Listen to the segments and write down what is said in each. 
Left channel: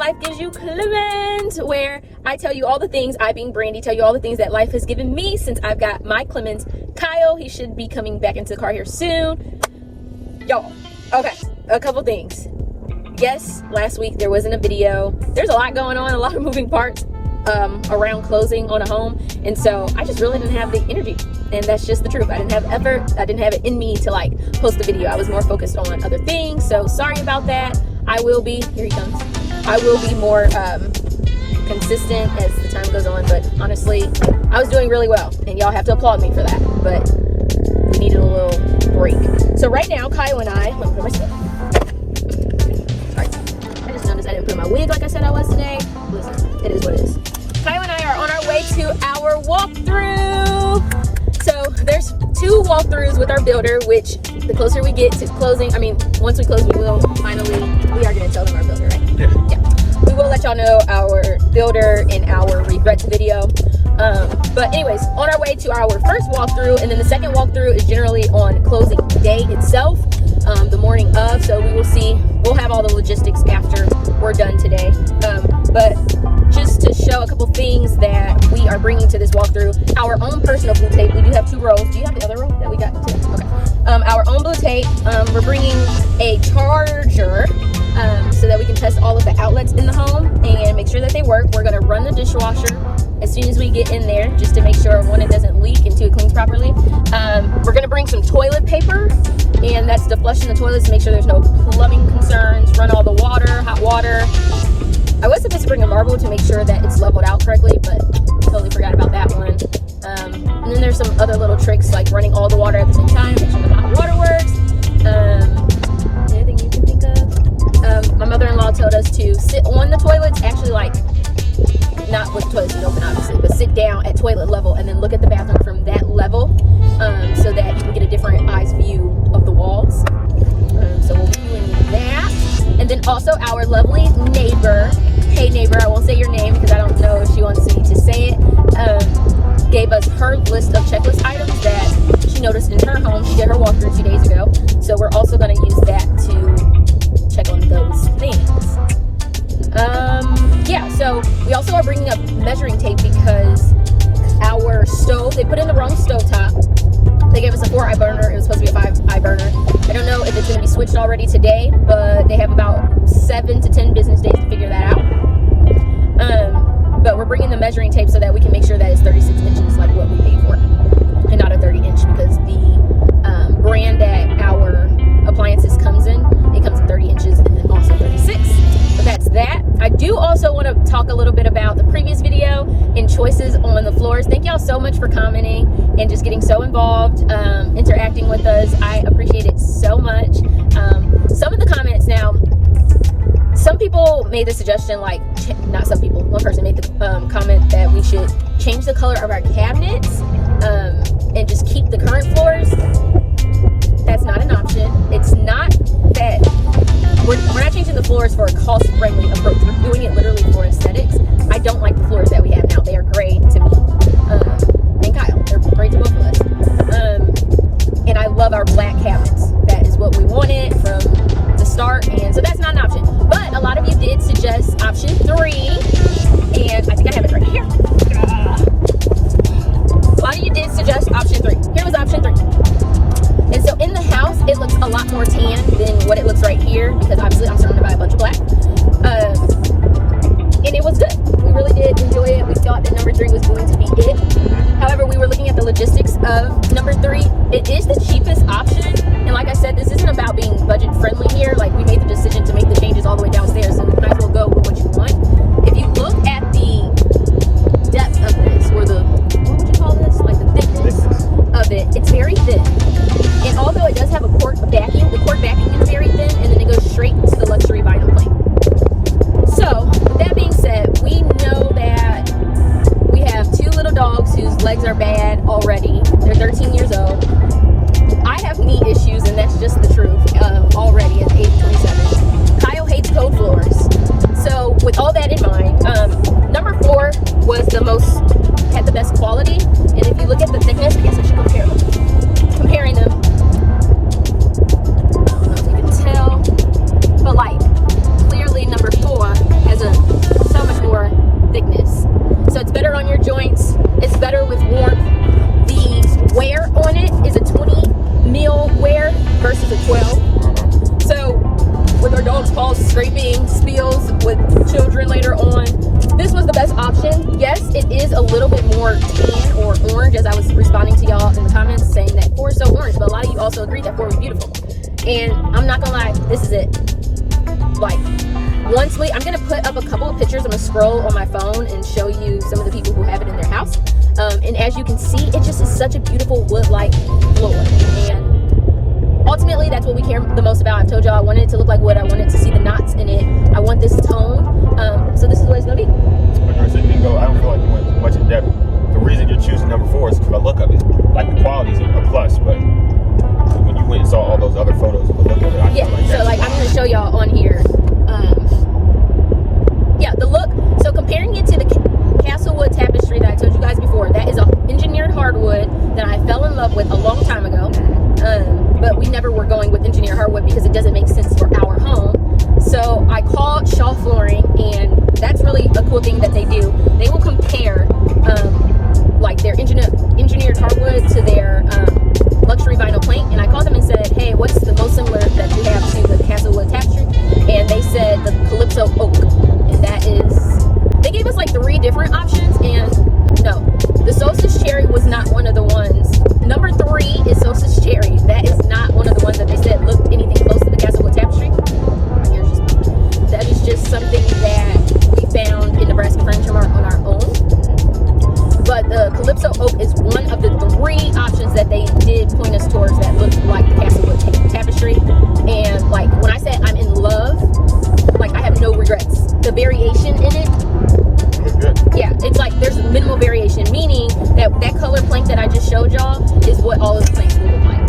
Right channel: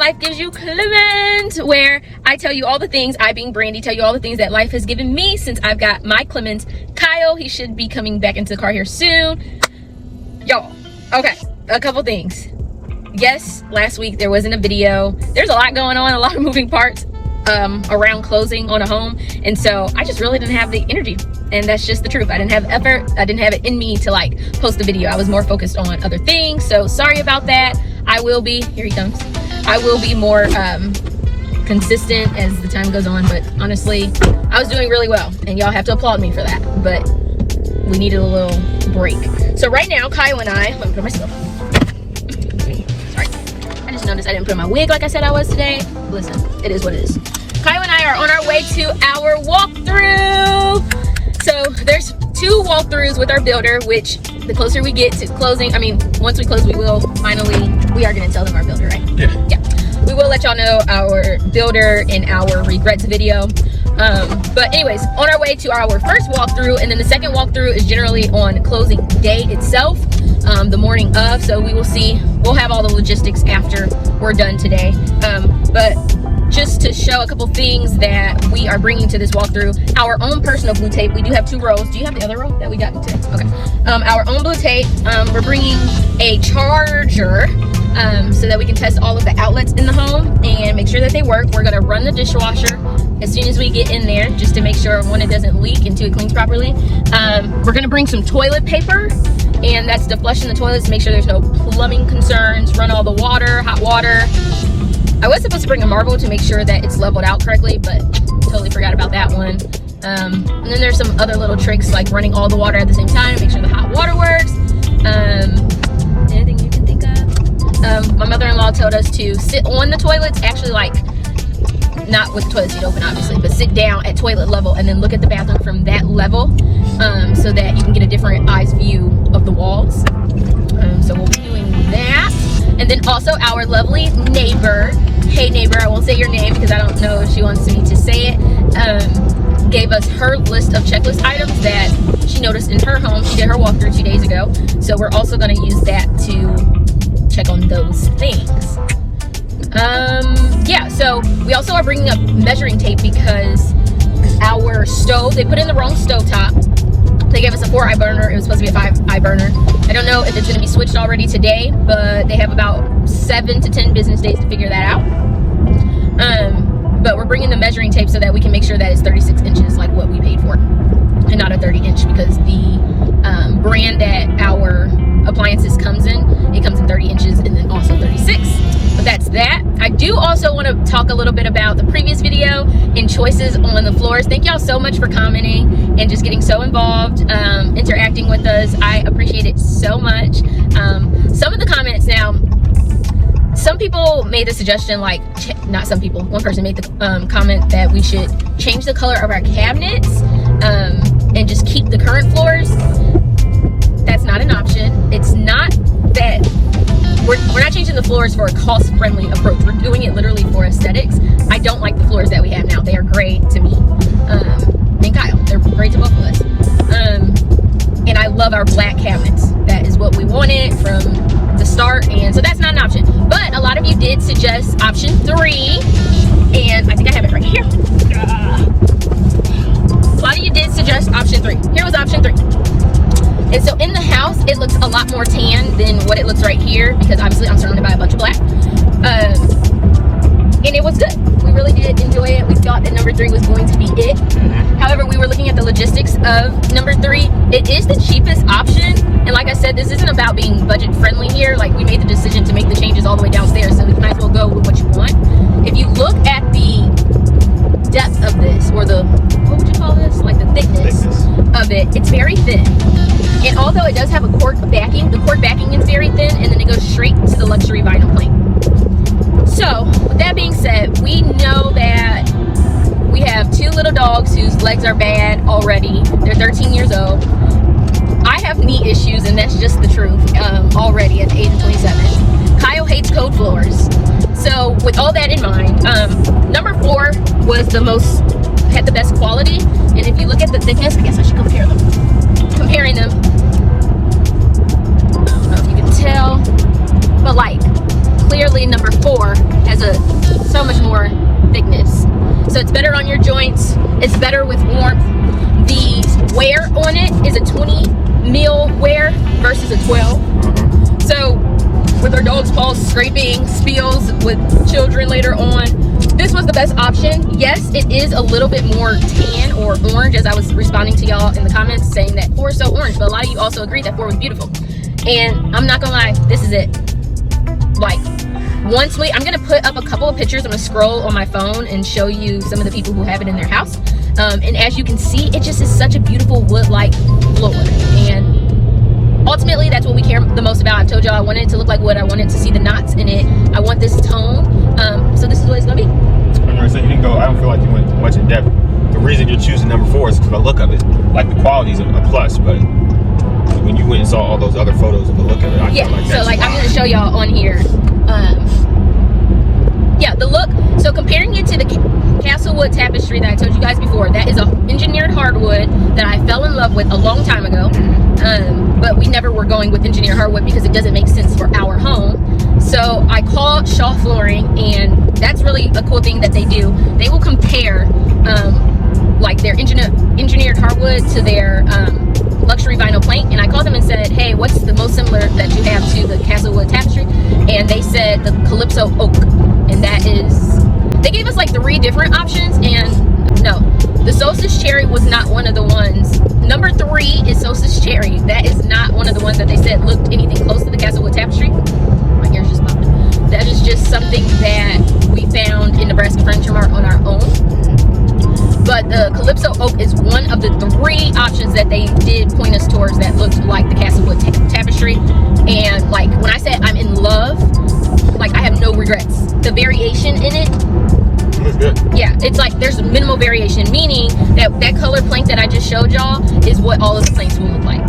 Life Gives You Clemens, where I tell you all the things, I being Brandy, tell you all the things that life has given me since I've got my Clemens. Kyle, he should be coming back into the car here soon. Y'all, okay, a couple things. Yes, last week there wasn't a video. There's a lot going on, a lot of moving parts around closing on a home, and so I just really didn't have the energy, and that's just the truth. I didn't have effort. I didn't have it in me to like post a video. I was more focused on other things, so sorry about that. I will be, here he comes, I will be more consistent as the time goes on, but honestly, I was doing really well, and y'all have to applaud me for that, but we needed a little break. So right now, Kyle and I, let me put my stuff. Sorry, I just noticed I didn't put my wig like I said I was today. Listen, it is what it is. Kyle and I are on our way to our walkthrough. So there's 2 walkthroughs with our builder, which the closer we get to closing, I mean, once we close, we will finally, we are gonna tell them our builder, right? Yeah. We will let y'all know our builder and our regrets video. But anyways, on our way to our first walkthrough, and then the second walkthrough is generally on closing day itself, the morning of. So we will see, we'll have all the logistics after we're done today. But just to show a couple things that we are bringing to this walkthrough, our own personal blue tape. We do have 2 rows. Do you have the other row that we got? Okay. Our own blue tape. We're bringing a charger so that we can test all of the outlets in the home and make sure that they work. We're gonna run the dishwasher as soon as we get in there, just to make sure, 1, it doesn't leak, and 2, it cleans properly. We're gonna bring some toilet paper, and that's to flush in the toilets to make sure there's no plumbing concerns, run all the water, hot water. I was supposed to bring a marble to make sure that it's leveled out correctly, but totally forgot about that one. And then there's some other little tricks like running all the water at the same time, make sure the hot water works. Anything you can think of? My mother-in-law told us to sit on the toilets, actually like, not with the toilet seat open obviously, but sit down at toilet level and then look at the bathroom from that level, so that you can get a different eyes view of the walls. So we'll be doing that. And then also our lovely neighbor, hey neighbor, I won't say your name because I don't know if she wants me to say it, gave us her list of checklist items that she noticed in her home. She did her walkthrough 2 days ago, so we're also going to use that to check on those things. Yeah, so we also are bringing up measuring tape because our stove, they put in the wrong stove top. They gave us a 4-eye burner. It was supposed to be a 5-eye burner. I don't know if it's going to be switched already today, but they have about 7 to 10 business days to figure that out. But we're bringing the measuring tape so that we can make sure that it's 36 inches like what we paid for, and not a 30-inch, because the brand that our appliances comes in, it comes in 30 inches and then also 36. But that's that. I do also want to talk a little bit about the previous video and choices on the floors. Thank y'all so much for commenting and just getting so involved, interacting with us. I appreciate it so much. Some of the comments now, some people made the suggestion, like, not some people, one person made the comment that we should change the color of our cabinets and just keep the current floors. That's not an option. It's not that we're not changing the floors for a cost-friendly approach. We're doing it literally for aesthetics. I don't like the floors that we have now. They are great to me and Kyle. They're great to both of us. And I love our black cabinets. That is what we wanted from the start, and so that's not an option. But a lot of you did suggest option 3, and I think I have it right here. A lot of you did suggest option 3. Here was option 3. And so in the house, it looks a lot more tan than what it looks right here, because obviously I'm surrounded by a bunch of black. And it was good. We really did enjoy it. We thought that number 3 was going to be it. However, we were looking at the logistics of number 3. It is the cheapest option. And like I said, this isn't about being budget friendly here. Like, we made the decision to make the changes all the way downstairs, so we might as well go with what you want. If you look at the depth of this, or the, what would you call this? Like the thickness of it, it's very thin. And although it does have a cork backing, the cork backing is very thin, and then it goes straight to the luxury vinyl plank. So, with that being said, we know that we have 2 little dogs whose legs are bad already. They're 13 years old. I have knee issues, and that's just the truth, already at the age of 27. Kyle hates cold floors. So, with all that in mind, number 4 was had the best quality. And if you look at the thickness, I guess I should compare them. Comparing them. scraping spills with children later on. This was the best option. Yes, it is a little bit more tan or orange, as I was responding to y'all in the comments saying that 4 is so orange, but a lot of you also agreed that 4 was beautiful. And I'm not gonna lie, this is it. Like, I'm gonna put up a couple of pictures. I'm gonna scroll on my phone and show you some of the people who have it in their house. And as you can see, it just is such a beautiful wood-like floor. And ultimately, that's what we care the most about. I've told y'all I wanted it to look like wood. I wanted to see the knots in it. I want this tone. So this is what it's gonna be. So you didn't go, I don't feel like you went much in depth. The reason you're choosing number 4 is because the look of it. Like, the quality is a plus, but when you went and saw all those other photos of the look of it, I yeah, so like I'm gonna show y'all on here. Yeah, the look. So comparing it to the Castlewood tapestry that I told you guys before, that is a engineered hardwood that I fell in love with a long time ago. But we never were going with engineered hardwood because it doesn't make sense for our home. So I called Shaw Flooring, and that's really a cool thing that they do. They will compare like their engineered hardwood to their luxury vinyl plank. And I called them and said, hey, what's the most similar that you have to the Castlewood tapestry? And they said the Calypso Oak. And that is, they gave us like 3 different options, and no, the Solstice Cherry was not one of the ones. Number 3 is Solstice Cherry. That is not one of the ones that they said looked anything close to the Castlewood tapestry. My ears just popped. That is just something that we found in Nebraska Furniture Mart on our own. But the Calypso Oak is one of the 3 options that they did point us towards that looked like the Castlewood tapestry. And like when I said I'm in love, like I have no regrets. The variation in it, looks good. Yeah, it's like there's minimal variation, meaning that that color plank that I just showed y'all is what all of the planks will look like.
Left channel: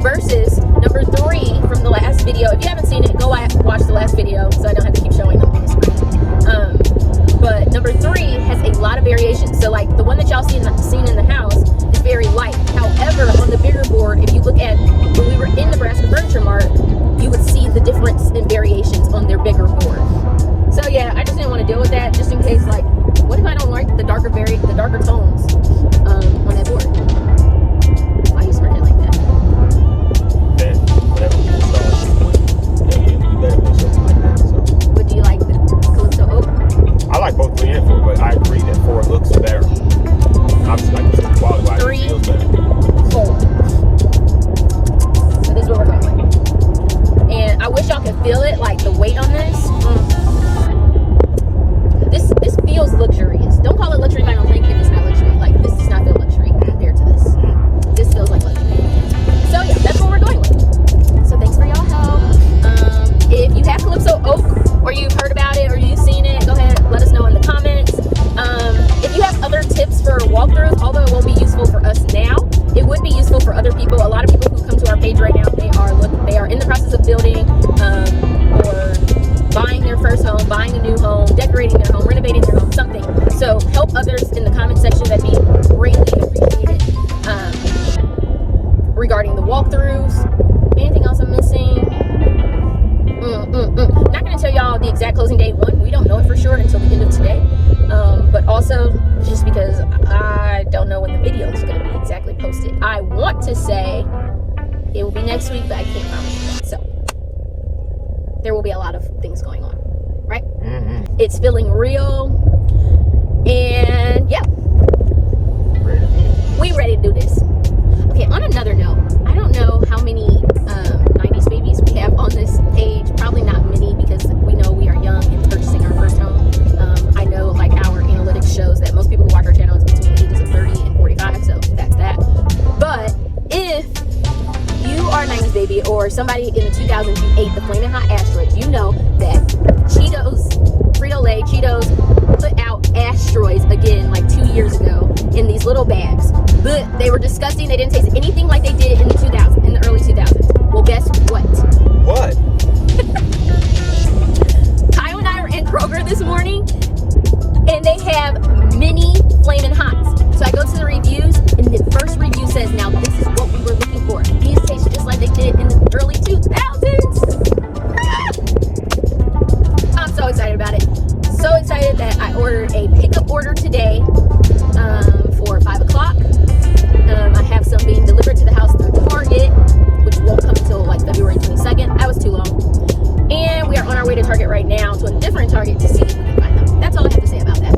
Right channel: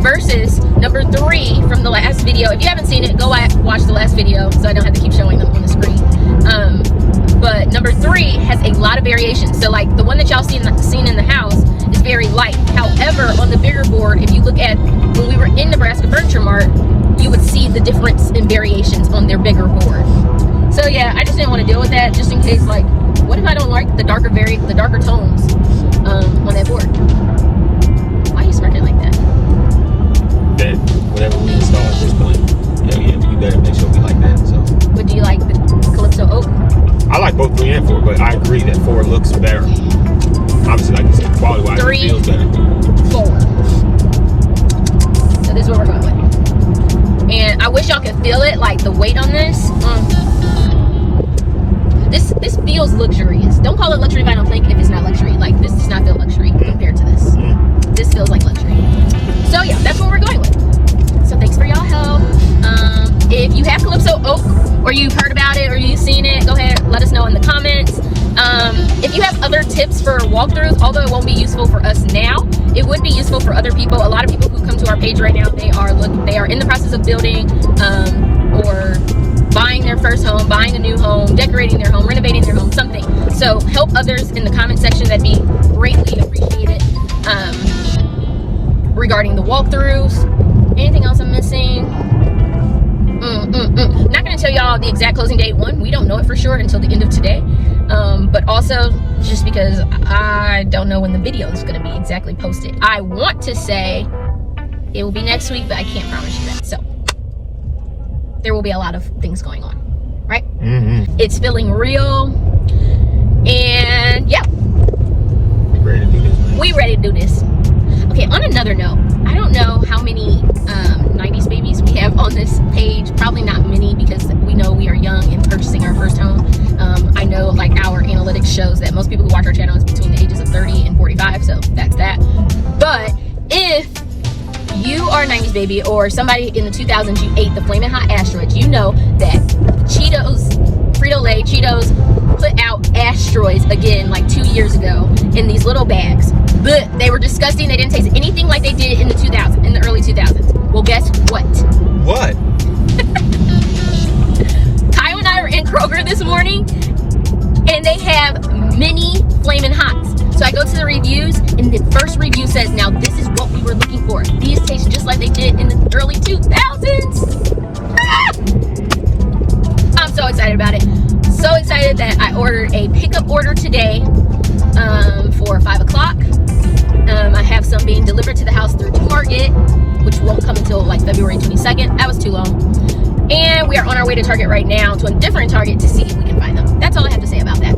Versus number 3 from the last video. If you haven't seen it, go watch the last video so I don't have to keep showing them on the screen. But number 3 has a lot of variation. So like the one that y'all seen in the house is very light. However, on the bigger board, if you look at when we were in Nebraska Furniture Mart, you would see the difference in variations on their bigger board. So yeah, I just didn't want to deal with that, just in case, like, what if I don't like the darker tones on that board? Why are you smirking like that? That whatever we install at this point, yeah, we better make sure we like that. So. But do you like the Calypso Oak? I like both 3 and 4, but I agree that 4 looks better. Obviously, like quality-wise, 3, it feels better. 4. So this is what we're going with. And I wish y'all could feel it, like the weight on this. This feels luxurious. Don't call it luxury vinyl plank if it's not luxury. Like, this does not feel luxury compared to this. This feels like luxury. So yeah, that's what we're going with. So thanks for y'all help. If you have Calypso Oak, or you've heard about it, or you've seen it, go ahead, let us know in the comments. If you have other tips for walkthroughs, although it won't be useful for us now, it would be useful for other people. A lot of people who come to our page right now, they are in the process of building or buying their first home, buying a new home, decorating their home, renovating their home, something. So help others in the comment section. That'd be greatly appreciated. Regarding the walkthroughs, anything else I'm missing? Not gonna tell y'all the exact closing date. One, we don't know it for sure until the end of today. But also just because I don't know when the video is gonna be exactly posted. I want to say it will be next week, but I can't promise you that. So there will be a lot of things going on, right? It's feeling real, and yeah, we ready to do this. Okay, on another note, I don't know how many 90s babies we have on this page. Probably not many, because we know we are young and purchasing our first home. I know like our analytics shows that most people who watch our channel is between the ages of 30 and 45, so that's that. But if you are a 90s baby, or somebody in the 2000s, you ate the Flamin' Hot asteroids, you know that Cheetos, Frito-Lay, Cheetos put out asteroids again like 2 years ago in these little bags. But they were disgusting. They didn't taste anything like they did in the early 2000s. Well, guess what? What? Kyle and I were in Kroger this morning, and they have mini Flamin' Hots. So I go to the reviews, and the first review says, now this is what we were looking for. These taste just like they did in the early 2000s. I'm so excited about it. So excited that I ordered a pickup order today for 5 o'clock. I have some being delivered to the house through Target, which won't come until like February 22nd. That was too long. And we are are on our way to Target right now, to a different Target, to see if we can find them. That's all I have to say about that.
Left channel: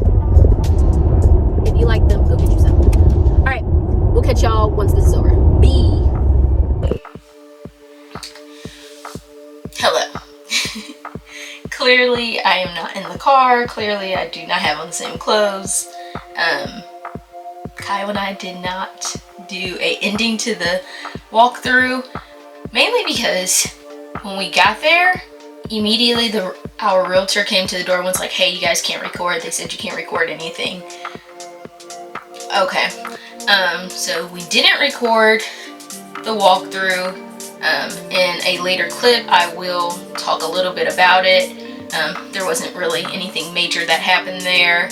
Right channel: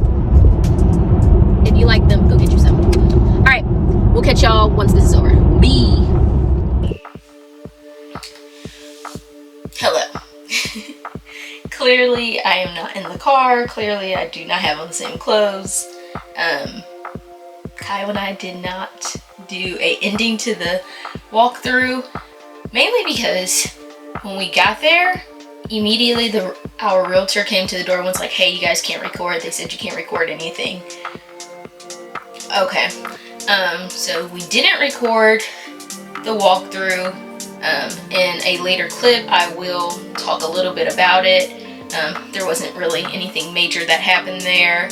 If you like them, go get you some. All right, we'll catch y'all once this is over. Bye. Hello. Clearly, I am not in the car. Clearly, I do not have on the same clothes. Kyle and I did not do a ending to the walkthrough, mainly because when we got there, immediately our realtor came to the door and was like, hey, you guys can't record. They said you can't record anything. Okay. So we didn't record the walkthrough. In a later clip, I will talk a little bit about it. There wasn't really anything major that happened there.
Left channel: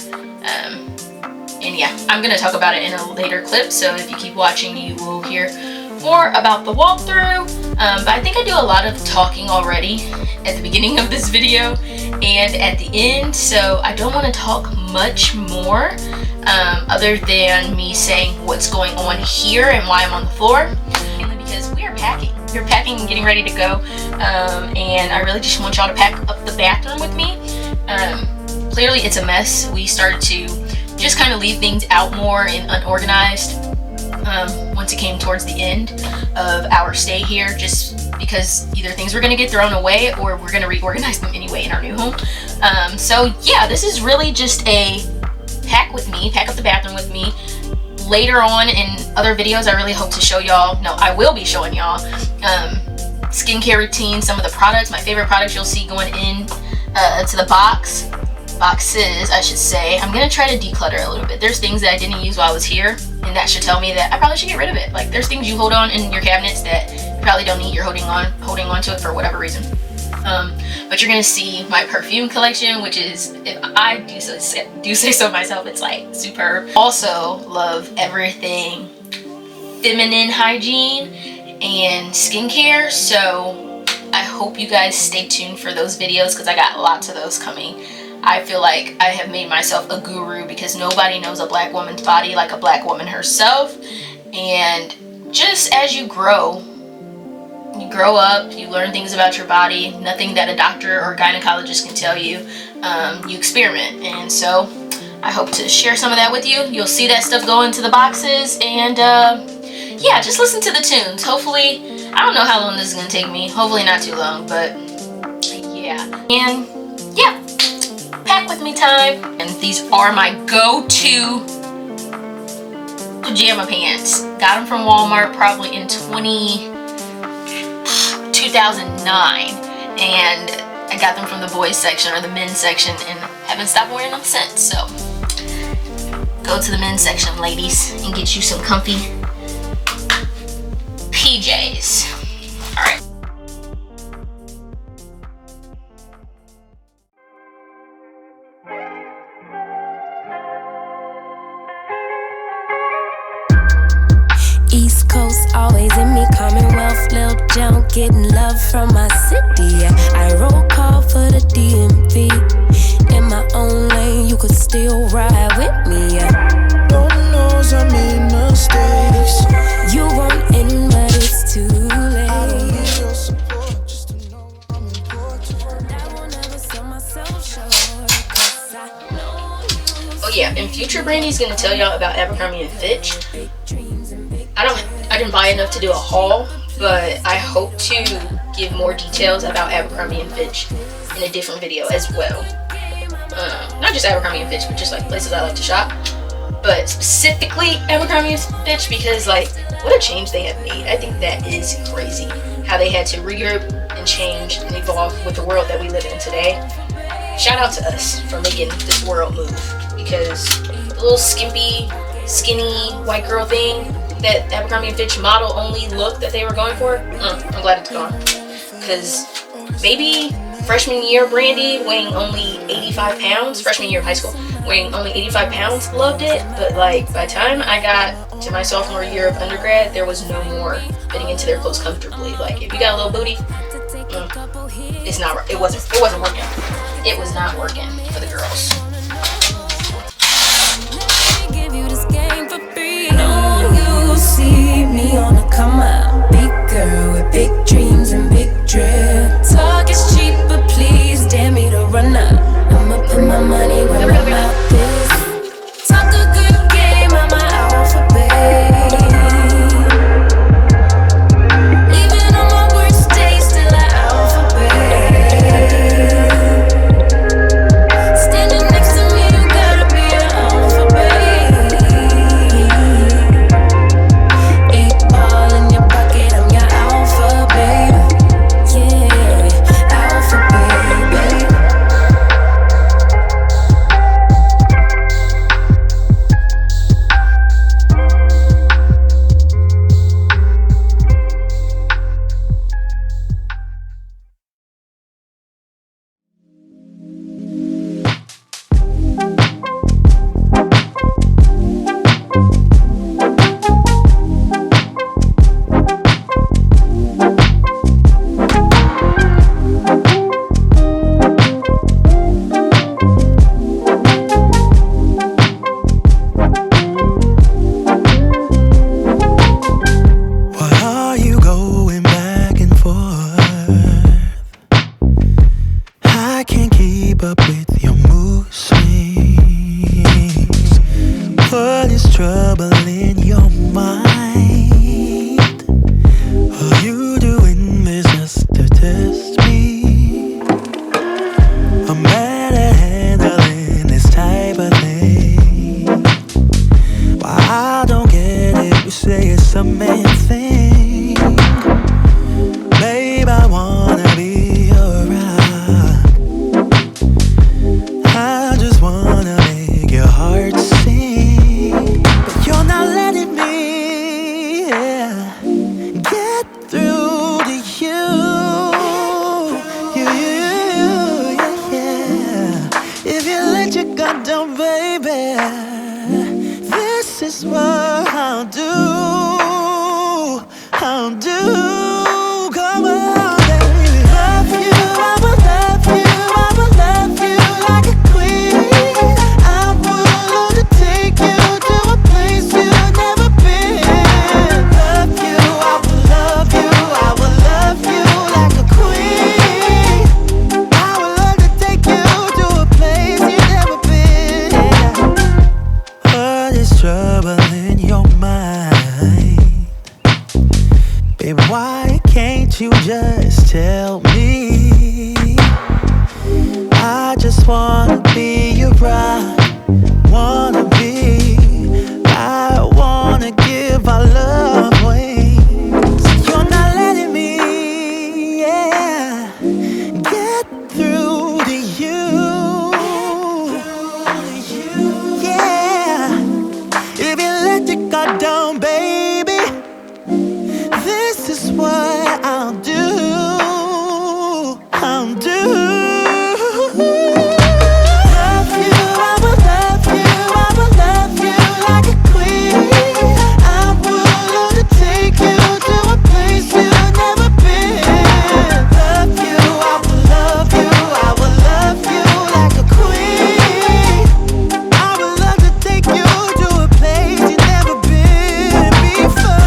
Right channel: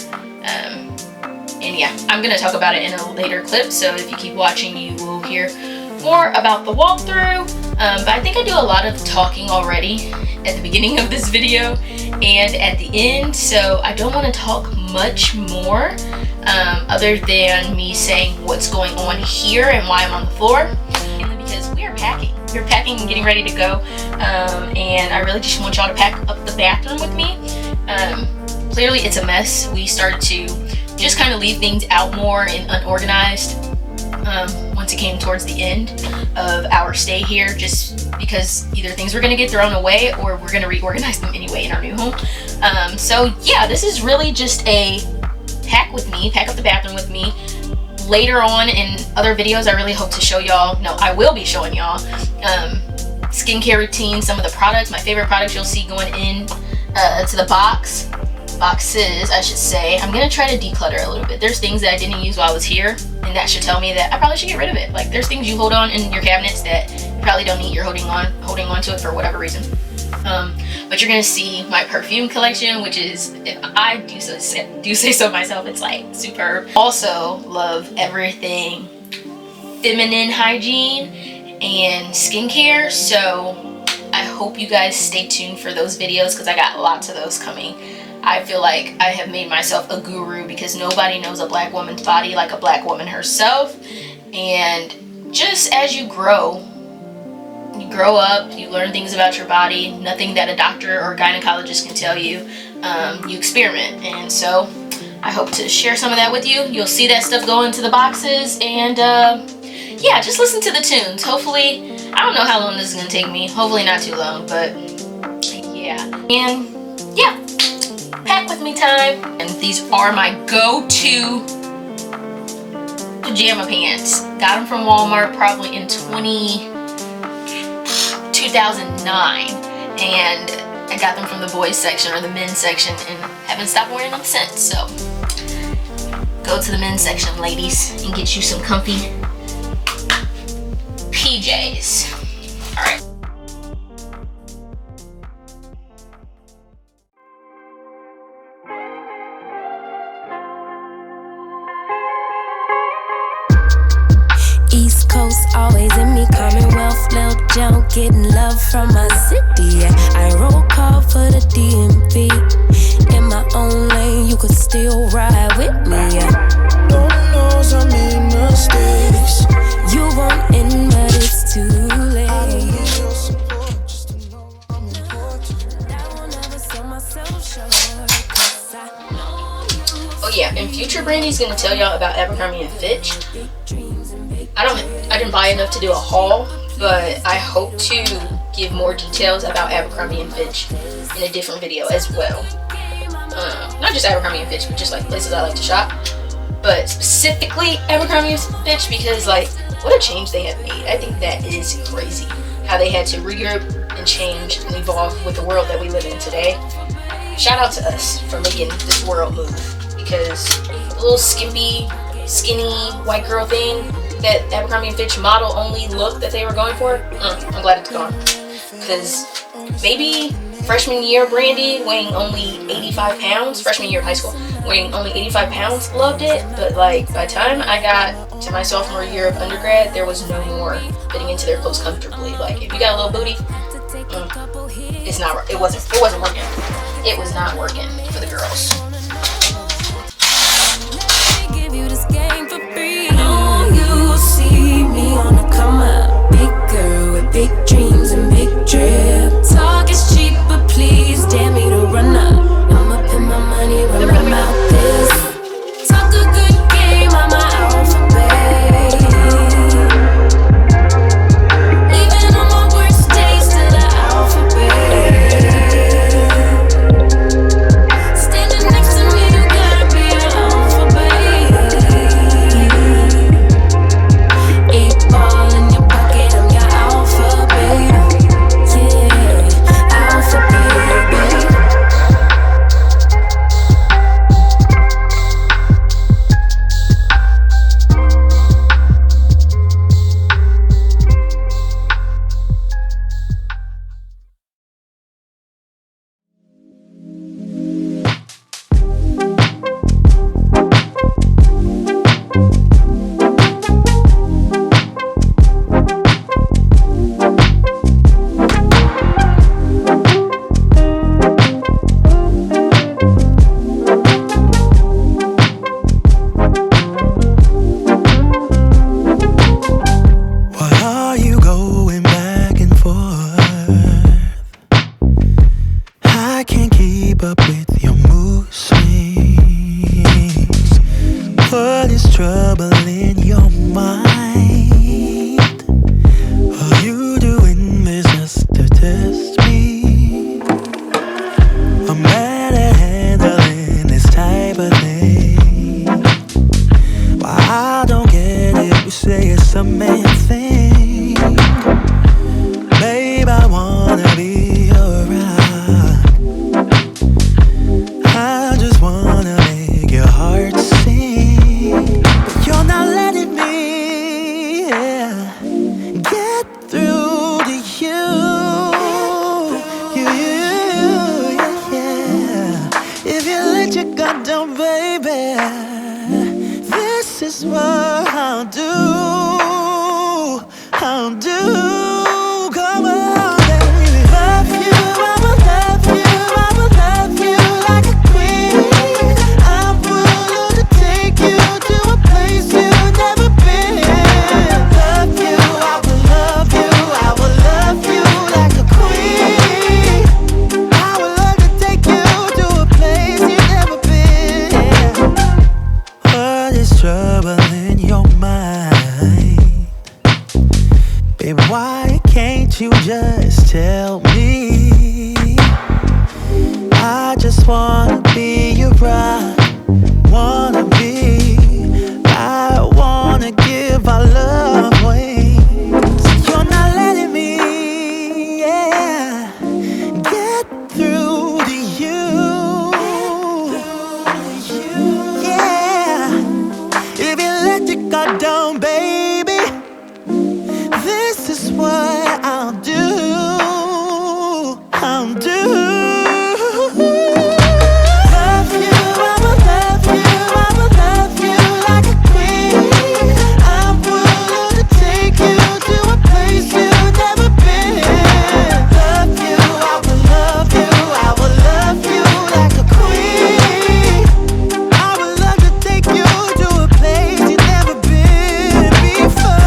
And yeah, I'm going to talk about it in a later clip, so if you keep watching, you will hear more about the walkthrough. But I think I do a lot of talking already at the beginning of this video and at the end, so I don't want to talk much more other than me saying what's going on here and why I'm on the floor. Mainly because we are packing. We're packing and getting ready to go, and I really just want y'all to pack up the bathroom with me. Clearly it's a mess. We started to just kind of leave things out more and unorganized once it came towards the end of our stay here, just because either things were going to get thrown away or we're going to reorganize them anyway in our new home. So yeah, this is really just a pack with me, pack up the bathroom with me. Later on in other videos, I really hope to show y'all, no, I will be showing y'all skincare routine, some of the products, my favorite products you'll see going in to the boxes, I should say. I'm gonna try to declutter a little bit. There's things that I didn't use while I was here, and that should tell me that I probably should get rid of it. Like, there's things you hold on in your cabinets that you probably don't need. You're holding on to it for whatever reason. But you're gonna see my perfume collection, which is, if I do say so myself, it's like superb. Also love everything feminine hygiene and skincare, so I hope you guys stay tuned for those videos because I got lots of those coming. I feel like I have made myself a guru because nobody knows a black woman's body like a black woman herself. And just as you grow up, you learn things about your body, nothing that a doctor or gynecologist can tell you. You experiment, and so I hope to share some of that with you. You'll see that stuff go into the boxes, and yeah, just listen to the tunes. Hopefully, I don't know how long this is gonna take me, hopefully not too long, but yeah. And yeah, pack with me time. And these are my go-to pajama pants. Got them from Walmart probably in 2009, and I got them from the boys section or the men's section and haven't stopped wearing them since. So go to the men's section, ladies, and get you some comfy PJs. All right. East Coast always in me, Commonwealth, Lil Jon, getting love from my city. Yeah. I roll call for the DMV. In my own lane, you could still ride with me. Yeah. Lord knows I made mistakes. You won't end, but it's too late. I don't need your support, just to know I'm important. I won't ever sell myself short, 'cause I know you. Oh yeah, and future Brandy's gonna tell y'all about Abercrombie & Fitch. I didn't buy enough to do a haul, but I hope to give more details about Abercrombie & Fitch in a different video as well. Not just Abercrombie & Fitch, but just like places I like to shop. But specifically Abercrombie & Fitch, because like what a change they have made. I think that is crazy. How they had to regroup and change and evolve with the world that we live in today. Shout out to us for making this world move, because the little skimpy, skinny white girl thing, that Abercrombie & Fitch model only look that they were going for, I'm glad it's gone. Because baby freshman year Brandy, weighing only 85 pounds, freshman year of high school, weighing only 85 pounds, loved it. But like by the time I got to my sophomore year of undergrad, there was no more fitting into their clothes comfortably. Like if you got a little booty, it wasn't working. It was not working for the girls. See me on a come up, big girl with big dreams and big drip. Talk is cheap, but please up with your mood swings. What is troubling your mind? Are you doing this just to test me? I'm mad at handling this type of thing. Why I don't get it, you say it's a man thing. Babe, I wanna be around. I just wanna make your heart sing. But you're not letting me get through to you. If you let your guard down, baby, this is what I'll do. I'll do. Come on, baby. Love you, I will love you, I will love you like a queen. I will love to take you to a place you've never been. Love you, I will love you, I will love you like a queen. I would love to take you to a place you've never been. What is troubling your mind? Babe, why can't you just tell me? I just wanna be your bride. Wanna be. I wanna give our love wings. You're not letting me, get through to you. Yeah. If you let your guard down, baby, this is what I'll do. I'll do. Love you, I will love you, I will love you like a queen. I would love to take you to a place you've never been. Love you, I will love you, I will love you like a queen. I would love to take you to a place you've never been before.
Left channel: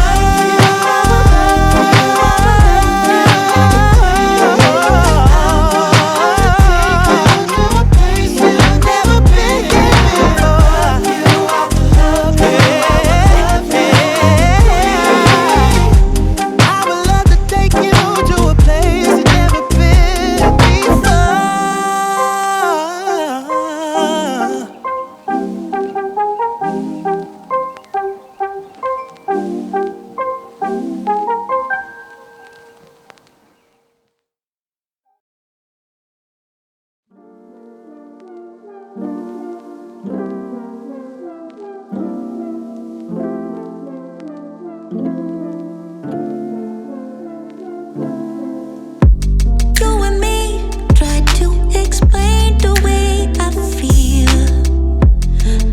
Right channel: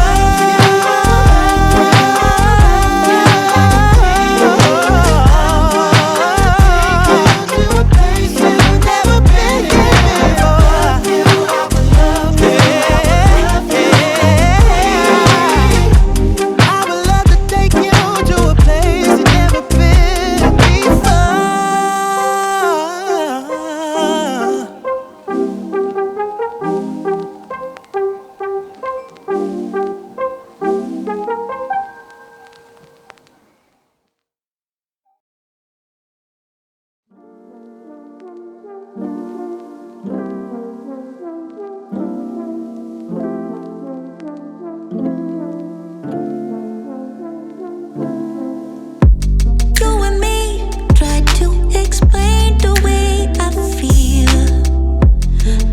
You and me try to explain the way I feel.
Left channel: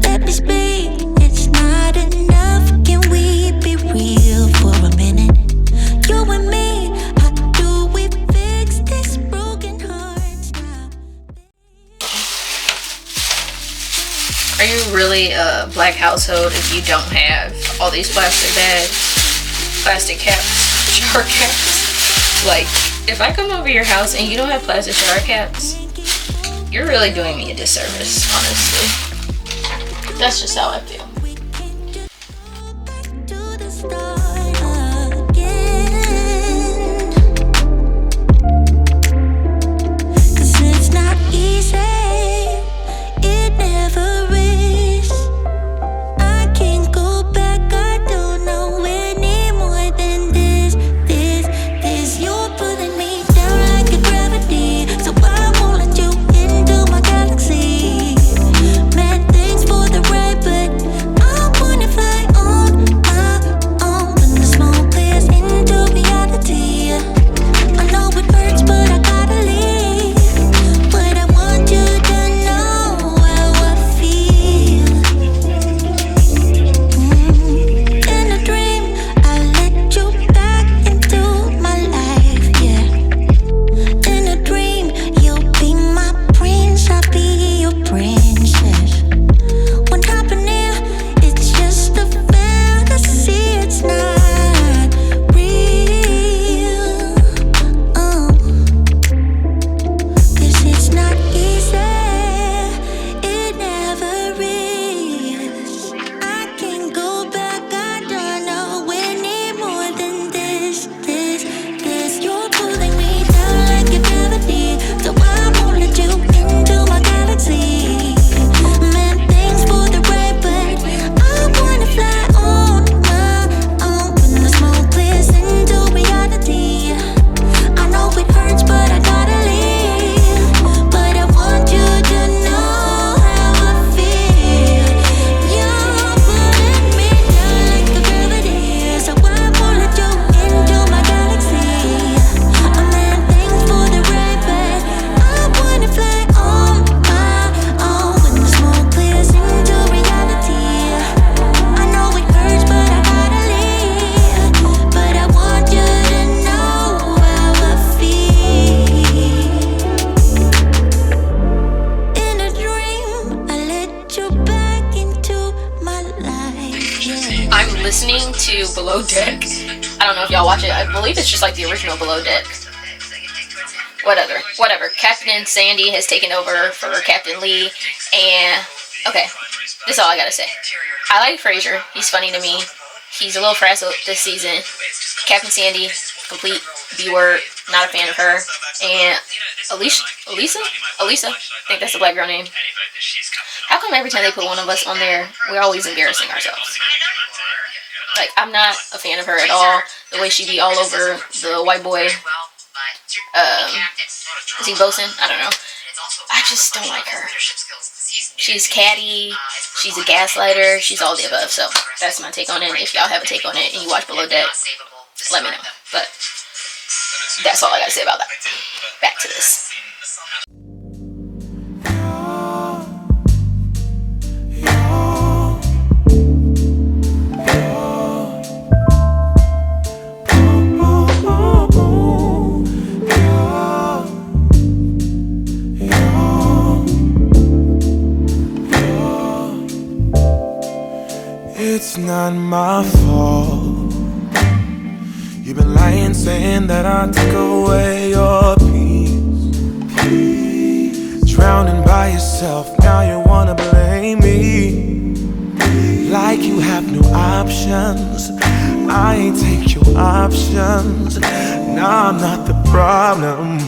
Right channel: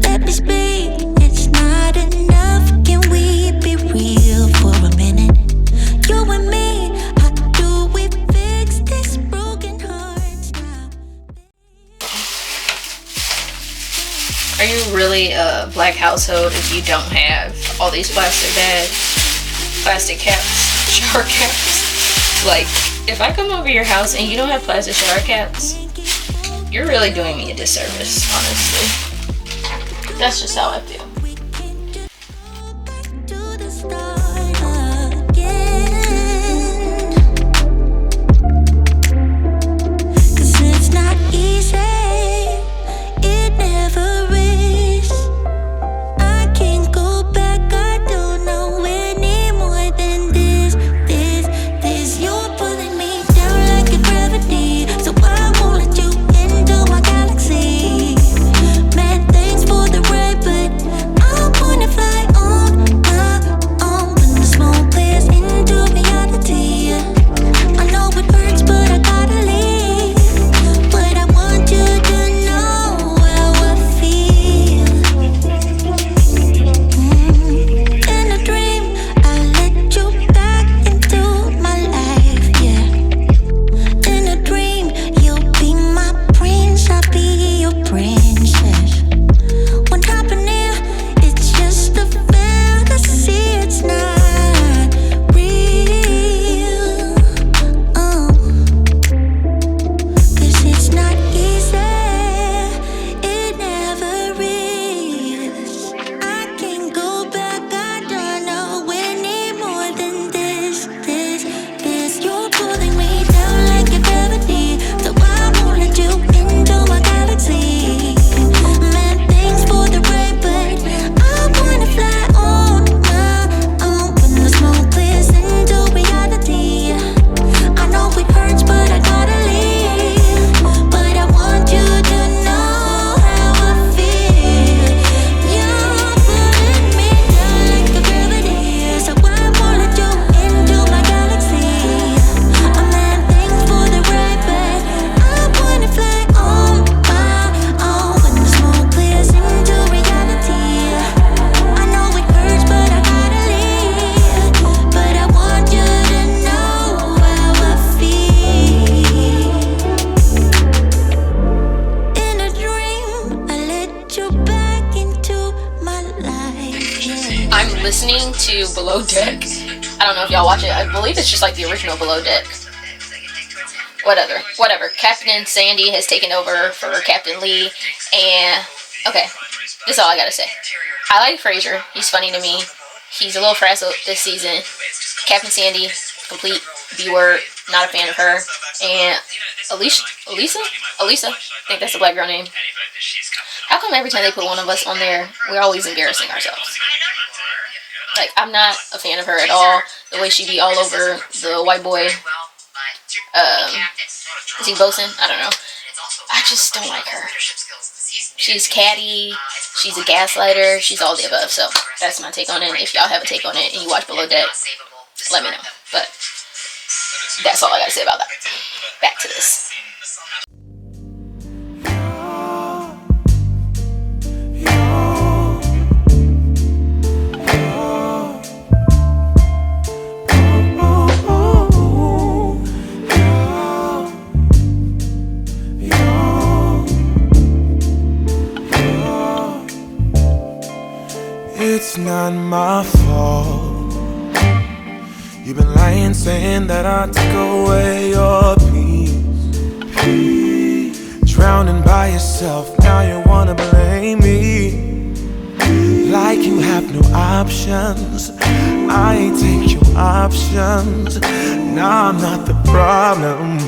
Let me speak, it's not enough. Can we be real for a minute? You and me, how do we fix this broken heart now? Are you really a black household if you don't have all these plastic bags, plastic caps, shower caps? Like, if I come over your house and you don't have plastic shower caps, you're really doing me a disservice, honestly. That's just how I feel. To the start again. 'Cause it's not easy, it never is. I can't go back, I don't know any more than this. You're pulling me down like a gravity, so I won't let you into my galaxy. Man, thanks for the ride, but it's just like the original Below Deck. Whatever. Captain Sandy has taken over for Captain Lee, and okay, that's all I gotta say. I like Fraser. He's funny to me. He's a little frazzled this season. Captain Sandy, complete B-word. Not a fan of her. And Elisa? I think that's the black girl name. How come every time they put one of us on there, we're always embarrassing ourselves? Like, I'm not a fan of her at all. The way she be all over the white boy. Is he Bosun? I don't know. I just don't like her. She's catty. She's a gaslighter. She's all the above. So that's my take on it. If y'all have a take on it and you watch Below Deck, let me know. But that's all I gotta say about that. Back to this. It's not my fault. You've been lying, saying that I took away your peace. Drowning by yourself, now you wanna blame me. Like you have no options. I ain't take your options. Nah, I'm not the problem.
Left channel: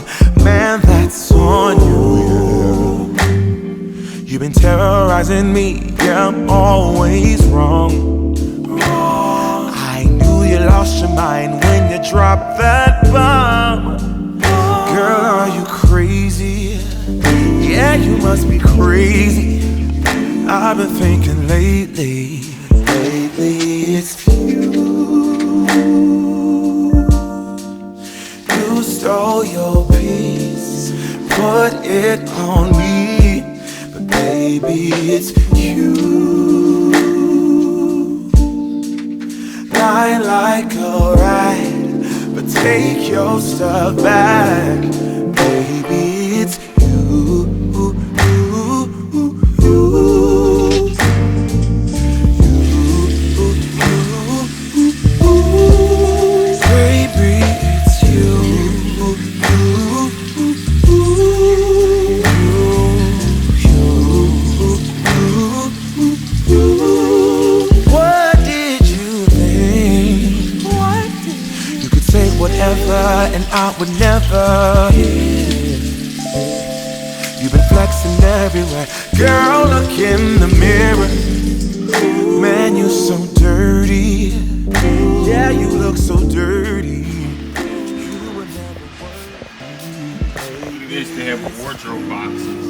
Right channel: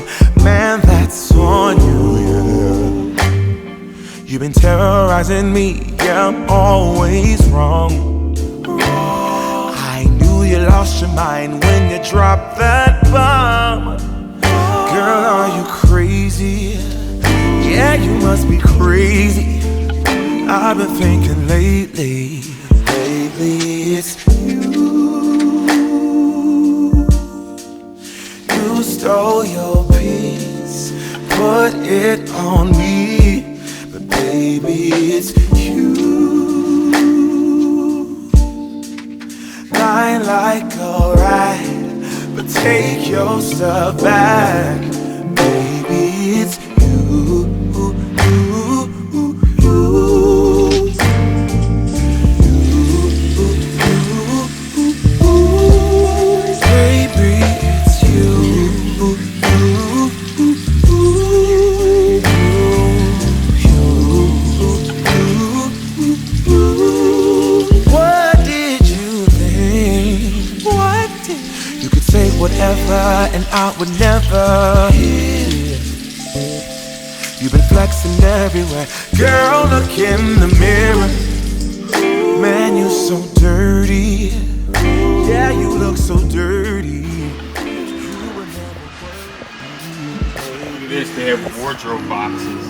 Man, that's on you, yeah. You've been terrorizing me, yeah, I'm always wrong. I knew you lost your mind when you dropped that bomb. Girl, are you crazy? Yeah, you must be crazy. I've been thinking lately it's you. You stole your peace, put it on me. Baby, it's you. Lying like a rat, but take your stuff back. Baby, it's you. Baby, it's you. Whatever, and I would never. You've been flexing everywhere. Girl, look in the mirror. Man, you're so dirty. Yeah, you look so dirty. You were never worthy. This, they have wardrobe boxes.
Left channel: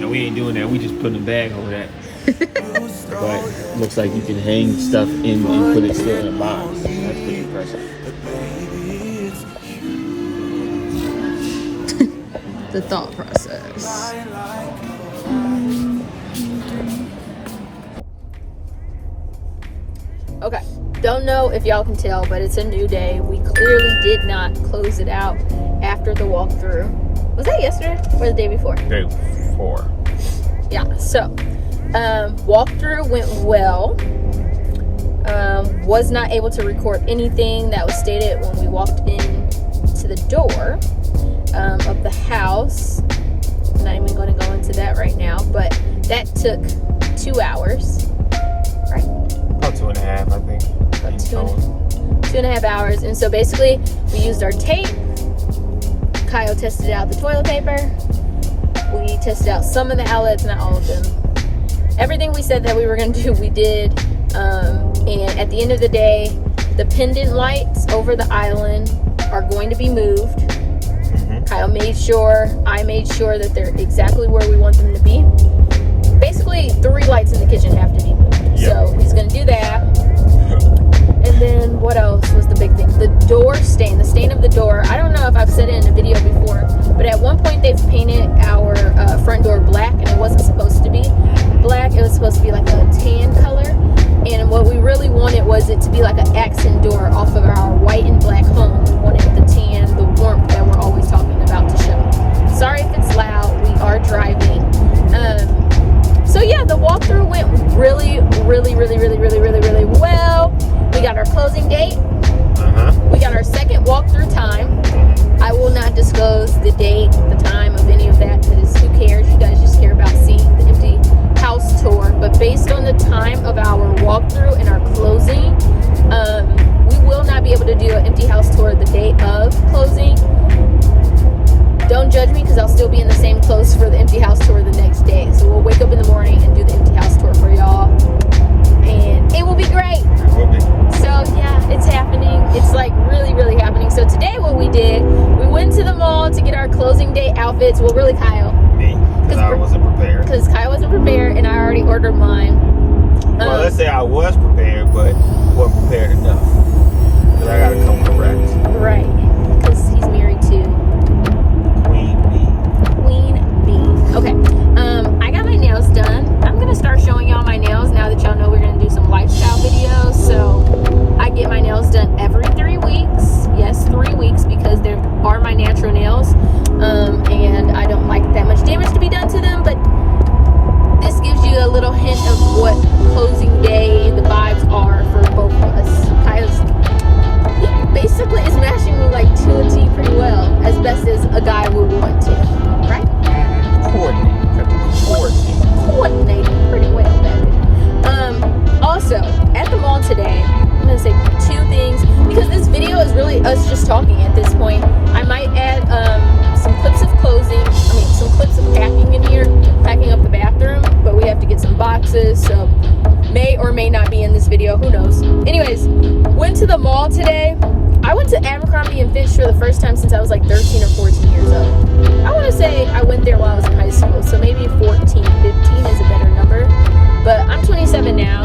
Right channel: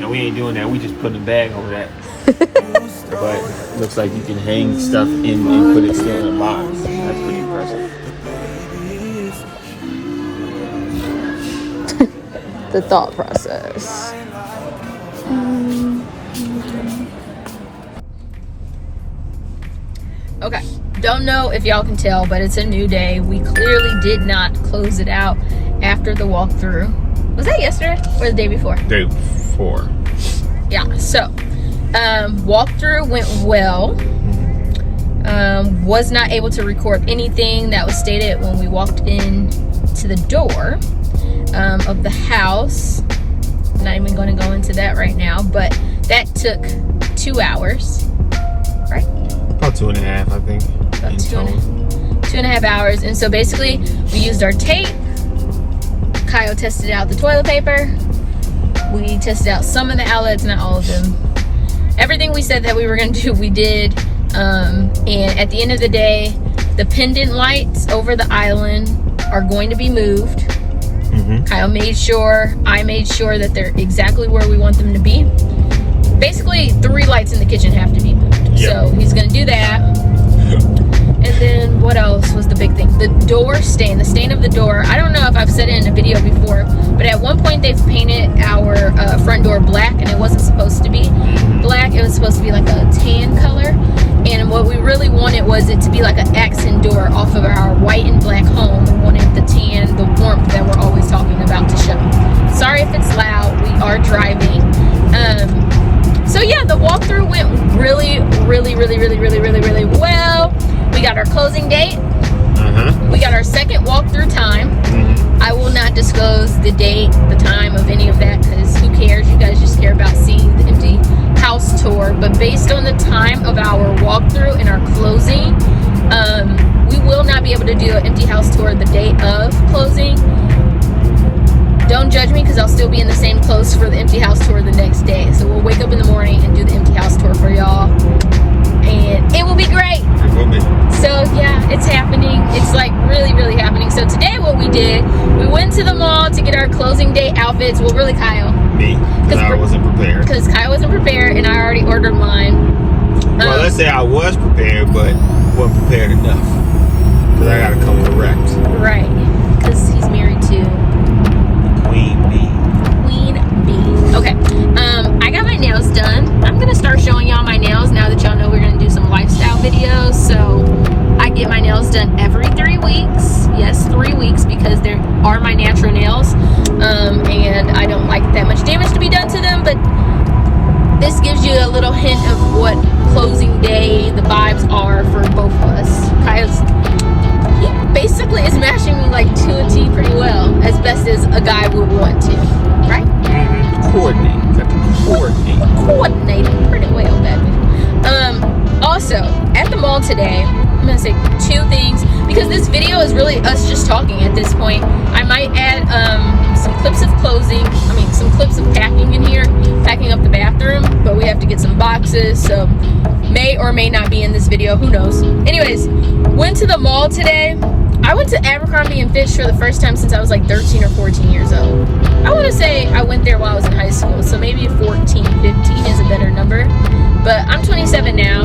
No, we ain't doing that. We just putting a bag over that. But it looks like you can hang stuff in and put it still in a box. That's pretty impressive. The thought process. Okay, don't know if y'all can tell, but it's a new day. We clearly did not close it out after the walkthrough. Was that yesterday or the day before? Day before. Yeah, so walkthrough went well. Was not able to record anything that was stated when we walked in to the door of the house. I'm not even going to go into that right now, but that took 2 hours, right? About 2.5, I think. About 2.5 hours. And so basically we used our tape. Kyle tested out the toilet paper. We tested out some of the outlets, not all of them. Everything we said that we were going to do, we did. And at the end of the day, the pendant lights over the island are going to be moved. Kyle made sure, I made sure that they're exactly where we want them to be. Basically, 3 lights in the kitchen have to be moved. Yeah. So he's going to do that. And then what else was the big thing? The door stain, the stain of the door. I don't know if I've said it in a video before, but at one point they've painted our front door black, and it wasn't supposed to be black. It was supposed to be like a tan color. And what we really wanted was it to be like an accent door off of our white and black home. We wanted the tan, the warmth that we're always talking about to show. Sorry if it's loud. We are driving. So yeah, the walkthrough went really well. We got our closing date. We got our second walkthrough tour the day of closing. Don't judge me because I'll still be in the same clothes for the empty house tour the next day. So we'll wake up in the morning and do the empty house tour for y'all. And it will be great. So yeah, it's happening. It's like really, really happening. So today what we did, we went to the mall to get our closing day outfits. Well, really Kyle. Me. Because I wasn't prepared. Because Kyle wasn't prepared and I already ordered mine. Well, let's say I was prepared, but wasn't prepared enough. Because I gotta come correct. Right. Because he's married to Queen Bee. Queen Bee. Okay. I got my nails done. I'm gonna start showing y'all my nails now that y'all know we're gonna do some lifestyle videos. So I get my nails done every 3 weeks. Yes, 3 weeks, because they are my natural nails. And I don't like that much damage to be done to them, but this gives you a little hint of what closing day, the vibes are for both of us. He basically is matching me like to a T pretty well, as best as a guy would want to, right? Coordinating pretty well, baby. Also, at the mall today, I'm gonna say 2 things, because this video is really us just talking at this point. I might add some clips of closing, some clips of packing in here, packing up the bathroom, but we have to get some boxes, so may or may not be in this video, who knows. Anyways, went to the mall today. I went to Abercrombie & Fitch for the first time since I was like 13 or 14 years old. I want to say I went there while I was in high school, so maybe 14, 15 is a better number. But I'm 27 now,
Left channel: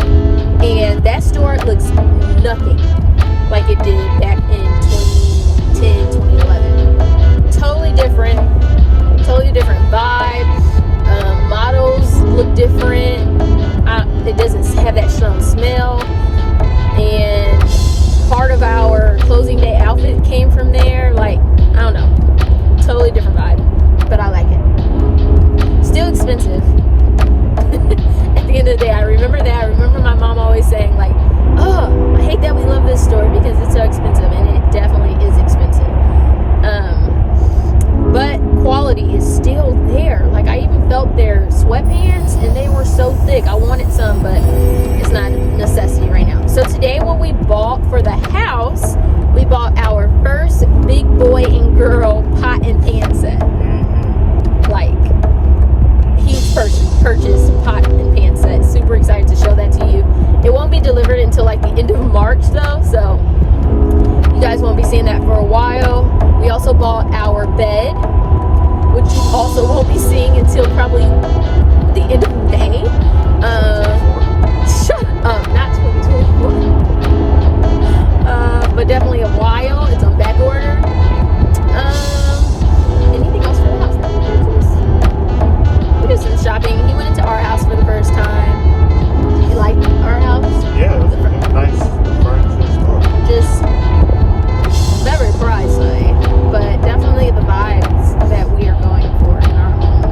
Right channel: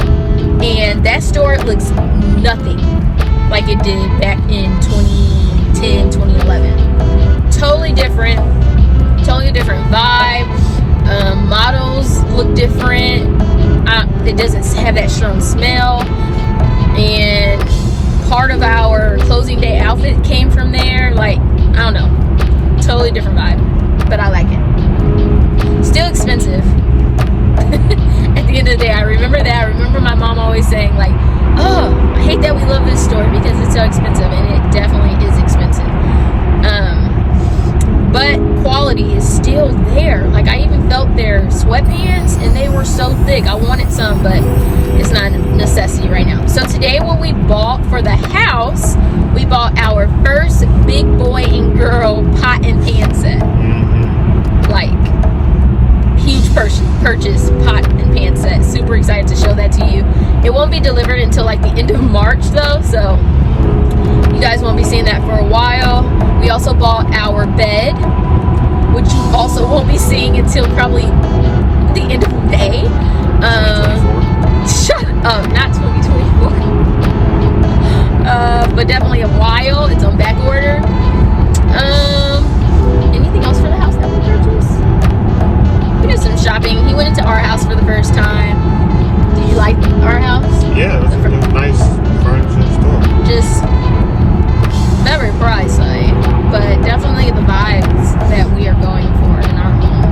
and that store looks nothing like it did back in 2010, 2011. Totally different vibe. Models look different. It doesn't have that strong smell. And part of our closing day outfit came from there. Like, I don't know. Totally different vibe. But I like it. Still expensive. At the end of the day, I remember that. I remember my mom always saying, like, oh, I hate that we love this store because it's so expensive. And it definitely is expensive. But quality is still there. Like, I even felt their sweatpants and they were so thick. I wanted some, but it's not a necessity right now. So today what we bought for the house, we bought our first big boy and girl pot and pan set. Like, huge purchase pot and pan set. Super excited to show that to you. It won't be delivered until like the end of March though, so you guys won't be seeing that for a while. We also bought our bed, which you also won't be seeing until probably the end of May. Shut up, not 2024. But definitely a while. It's on back order. Anything else for the house that we purchased? We did some shopping. He went into our house for the first time. Did you like our house? Yeah, it was nice. Just very pricey, but definitely the vibes that we are going for in our home.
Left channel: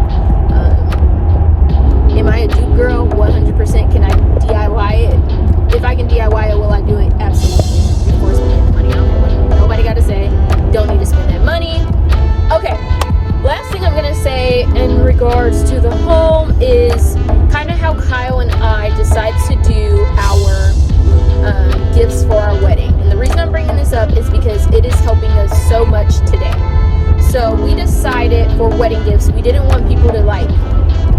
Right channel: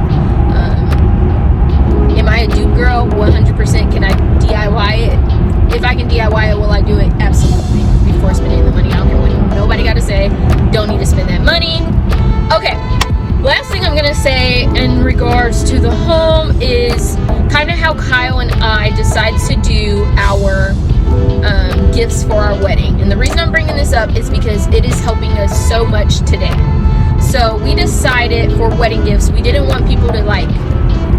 Am I a do girl? 100%. Can I DIY it? If I can DIY it, will I do it? Absolutely. Before spending the money, I don't care what nobody got to say. Don't need to spend that money. Okay. Last thing I'm gonna say in regards to the home is kind of how Kyle and I decided to do our gifts for our wedding. And the reason I'm bringing this up is because it is helping us so much today. So we decided for wedding gifts, we didn't want people to like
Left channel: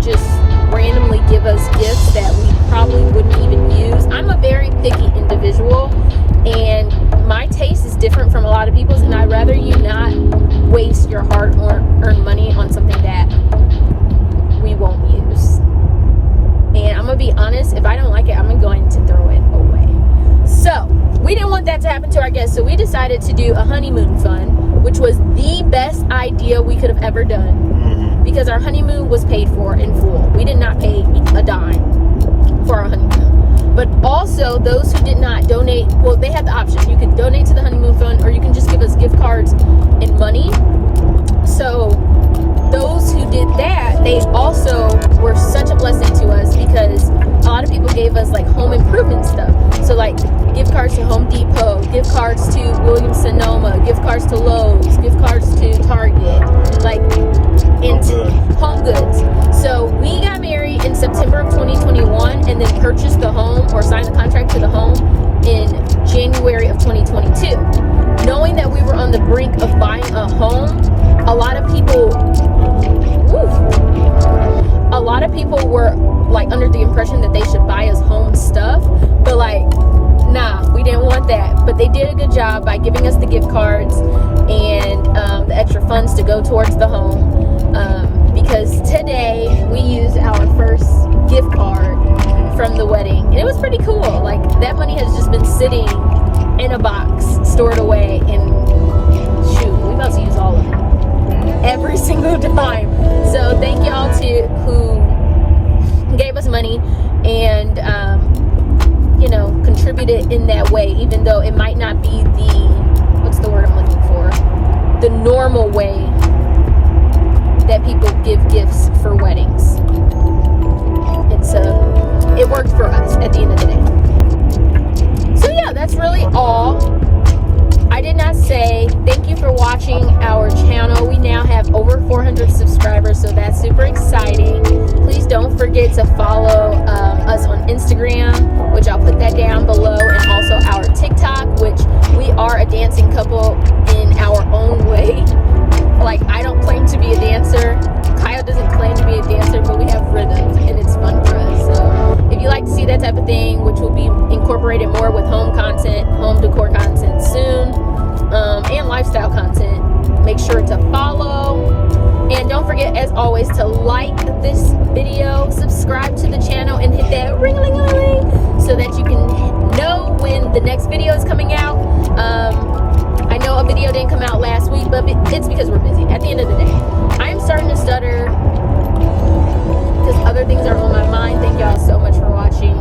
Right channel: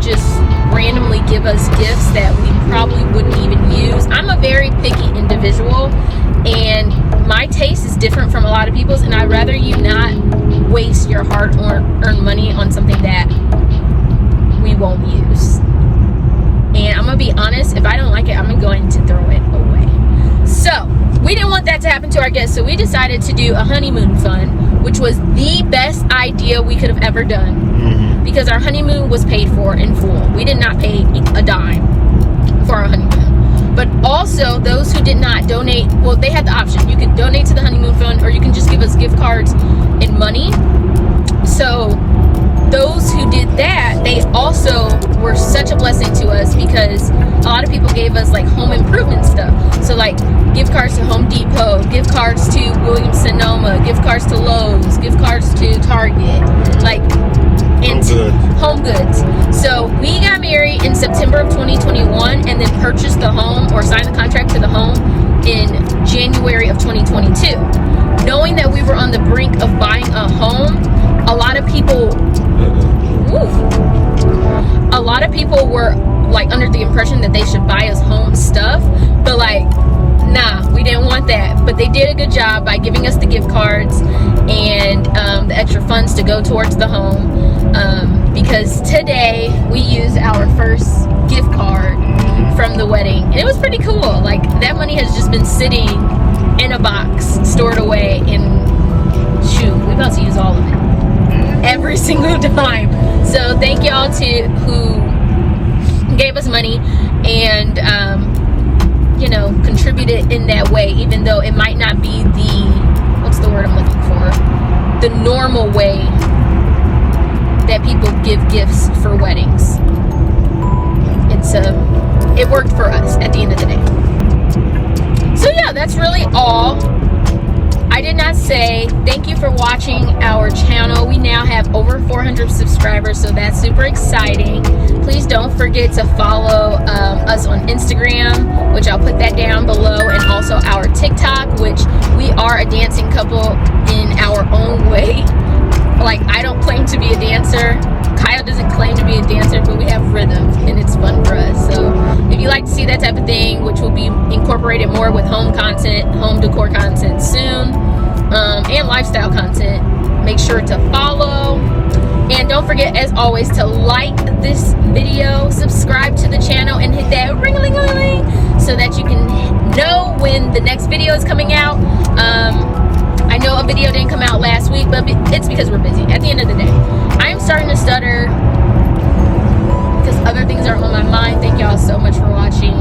just randomly give us gifts that we probably wouldn't even use. I'm a very picky individual and my taste is different from a lot of people's, and I'd rather you not waste your hard-earned money on something that we won't use. And I'm gonna be honest, if I don't like it, I'm going to throw it away. So we didn't want that to happen to our guests, so we decided to do a honeymoon fund, which was the best idea we could have ever done, because our honeymoon was paid for in full. We did not pay a dime for our honeymoon. But also, those who did not donate, well, they had the option. You could donate to the honeymoon fund, or you can just give us gift cards and money. So those who did that, they also were such a blessing to us, because a lot of people gave us like home improvement stuff. So like gift cards to Home Depot, gift cards to Williams-Sonoma, gift cards to Lowe's, gift cards to Target, like into home goods. So we got married in September of 2021 and then purchased the home, or signed the contract to the home, in January of 2022. Knowing that we were people were like under the impression that they should buy us home stuff, but like, nah, we didn't want that. But they did a good job by giving us the gift cards and the extra funds to go towards the home, because today we used our first gift card from the wedding, and it was pretty cool. Like, that money has just been sitting in a box stored away, and shoot, we about to use all of it every single time. So thank y'all to who gave us money and you know, contributed in that way, even though it might not be the, what's the word I'm looking for, the normal way that people give gifts for weddings. It's it worked for us at the end of the day. So yeah, that's really all. I did not say thank you for watching our channel. We now have over 400 subscribers, so that's super exciting. Please don't forget to follow us on Instagram, which I'll put that down below, and also our TikTok, which we are a dancing couple in our own way. Like, I don't claim to be a dancer. Kyle doesn't claim to be a dancer, but we have rhythm, and it's fun for us. So if you like to see that type of thing, which will be incorporated more with home content, home decor content soon, and lifestyle content, make sure to follow. And don't forget, as always, to like this video, subscribe to the channel, and hit that ring-a-ling-a-ling so that you can know when the next video is coming out. I know a video didn't come out last week, but it's because we're busy. At the end of the day, I'm starting to stutter because other things are on my mind. Thank y'all so much for watching.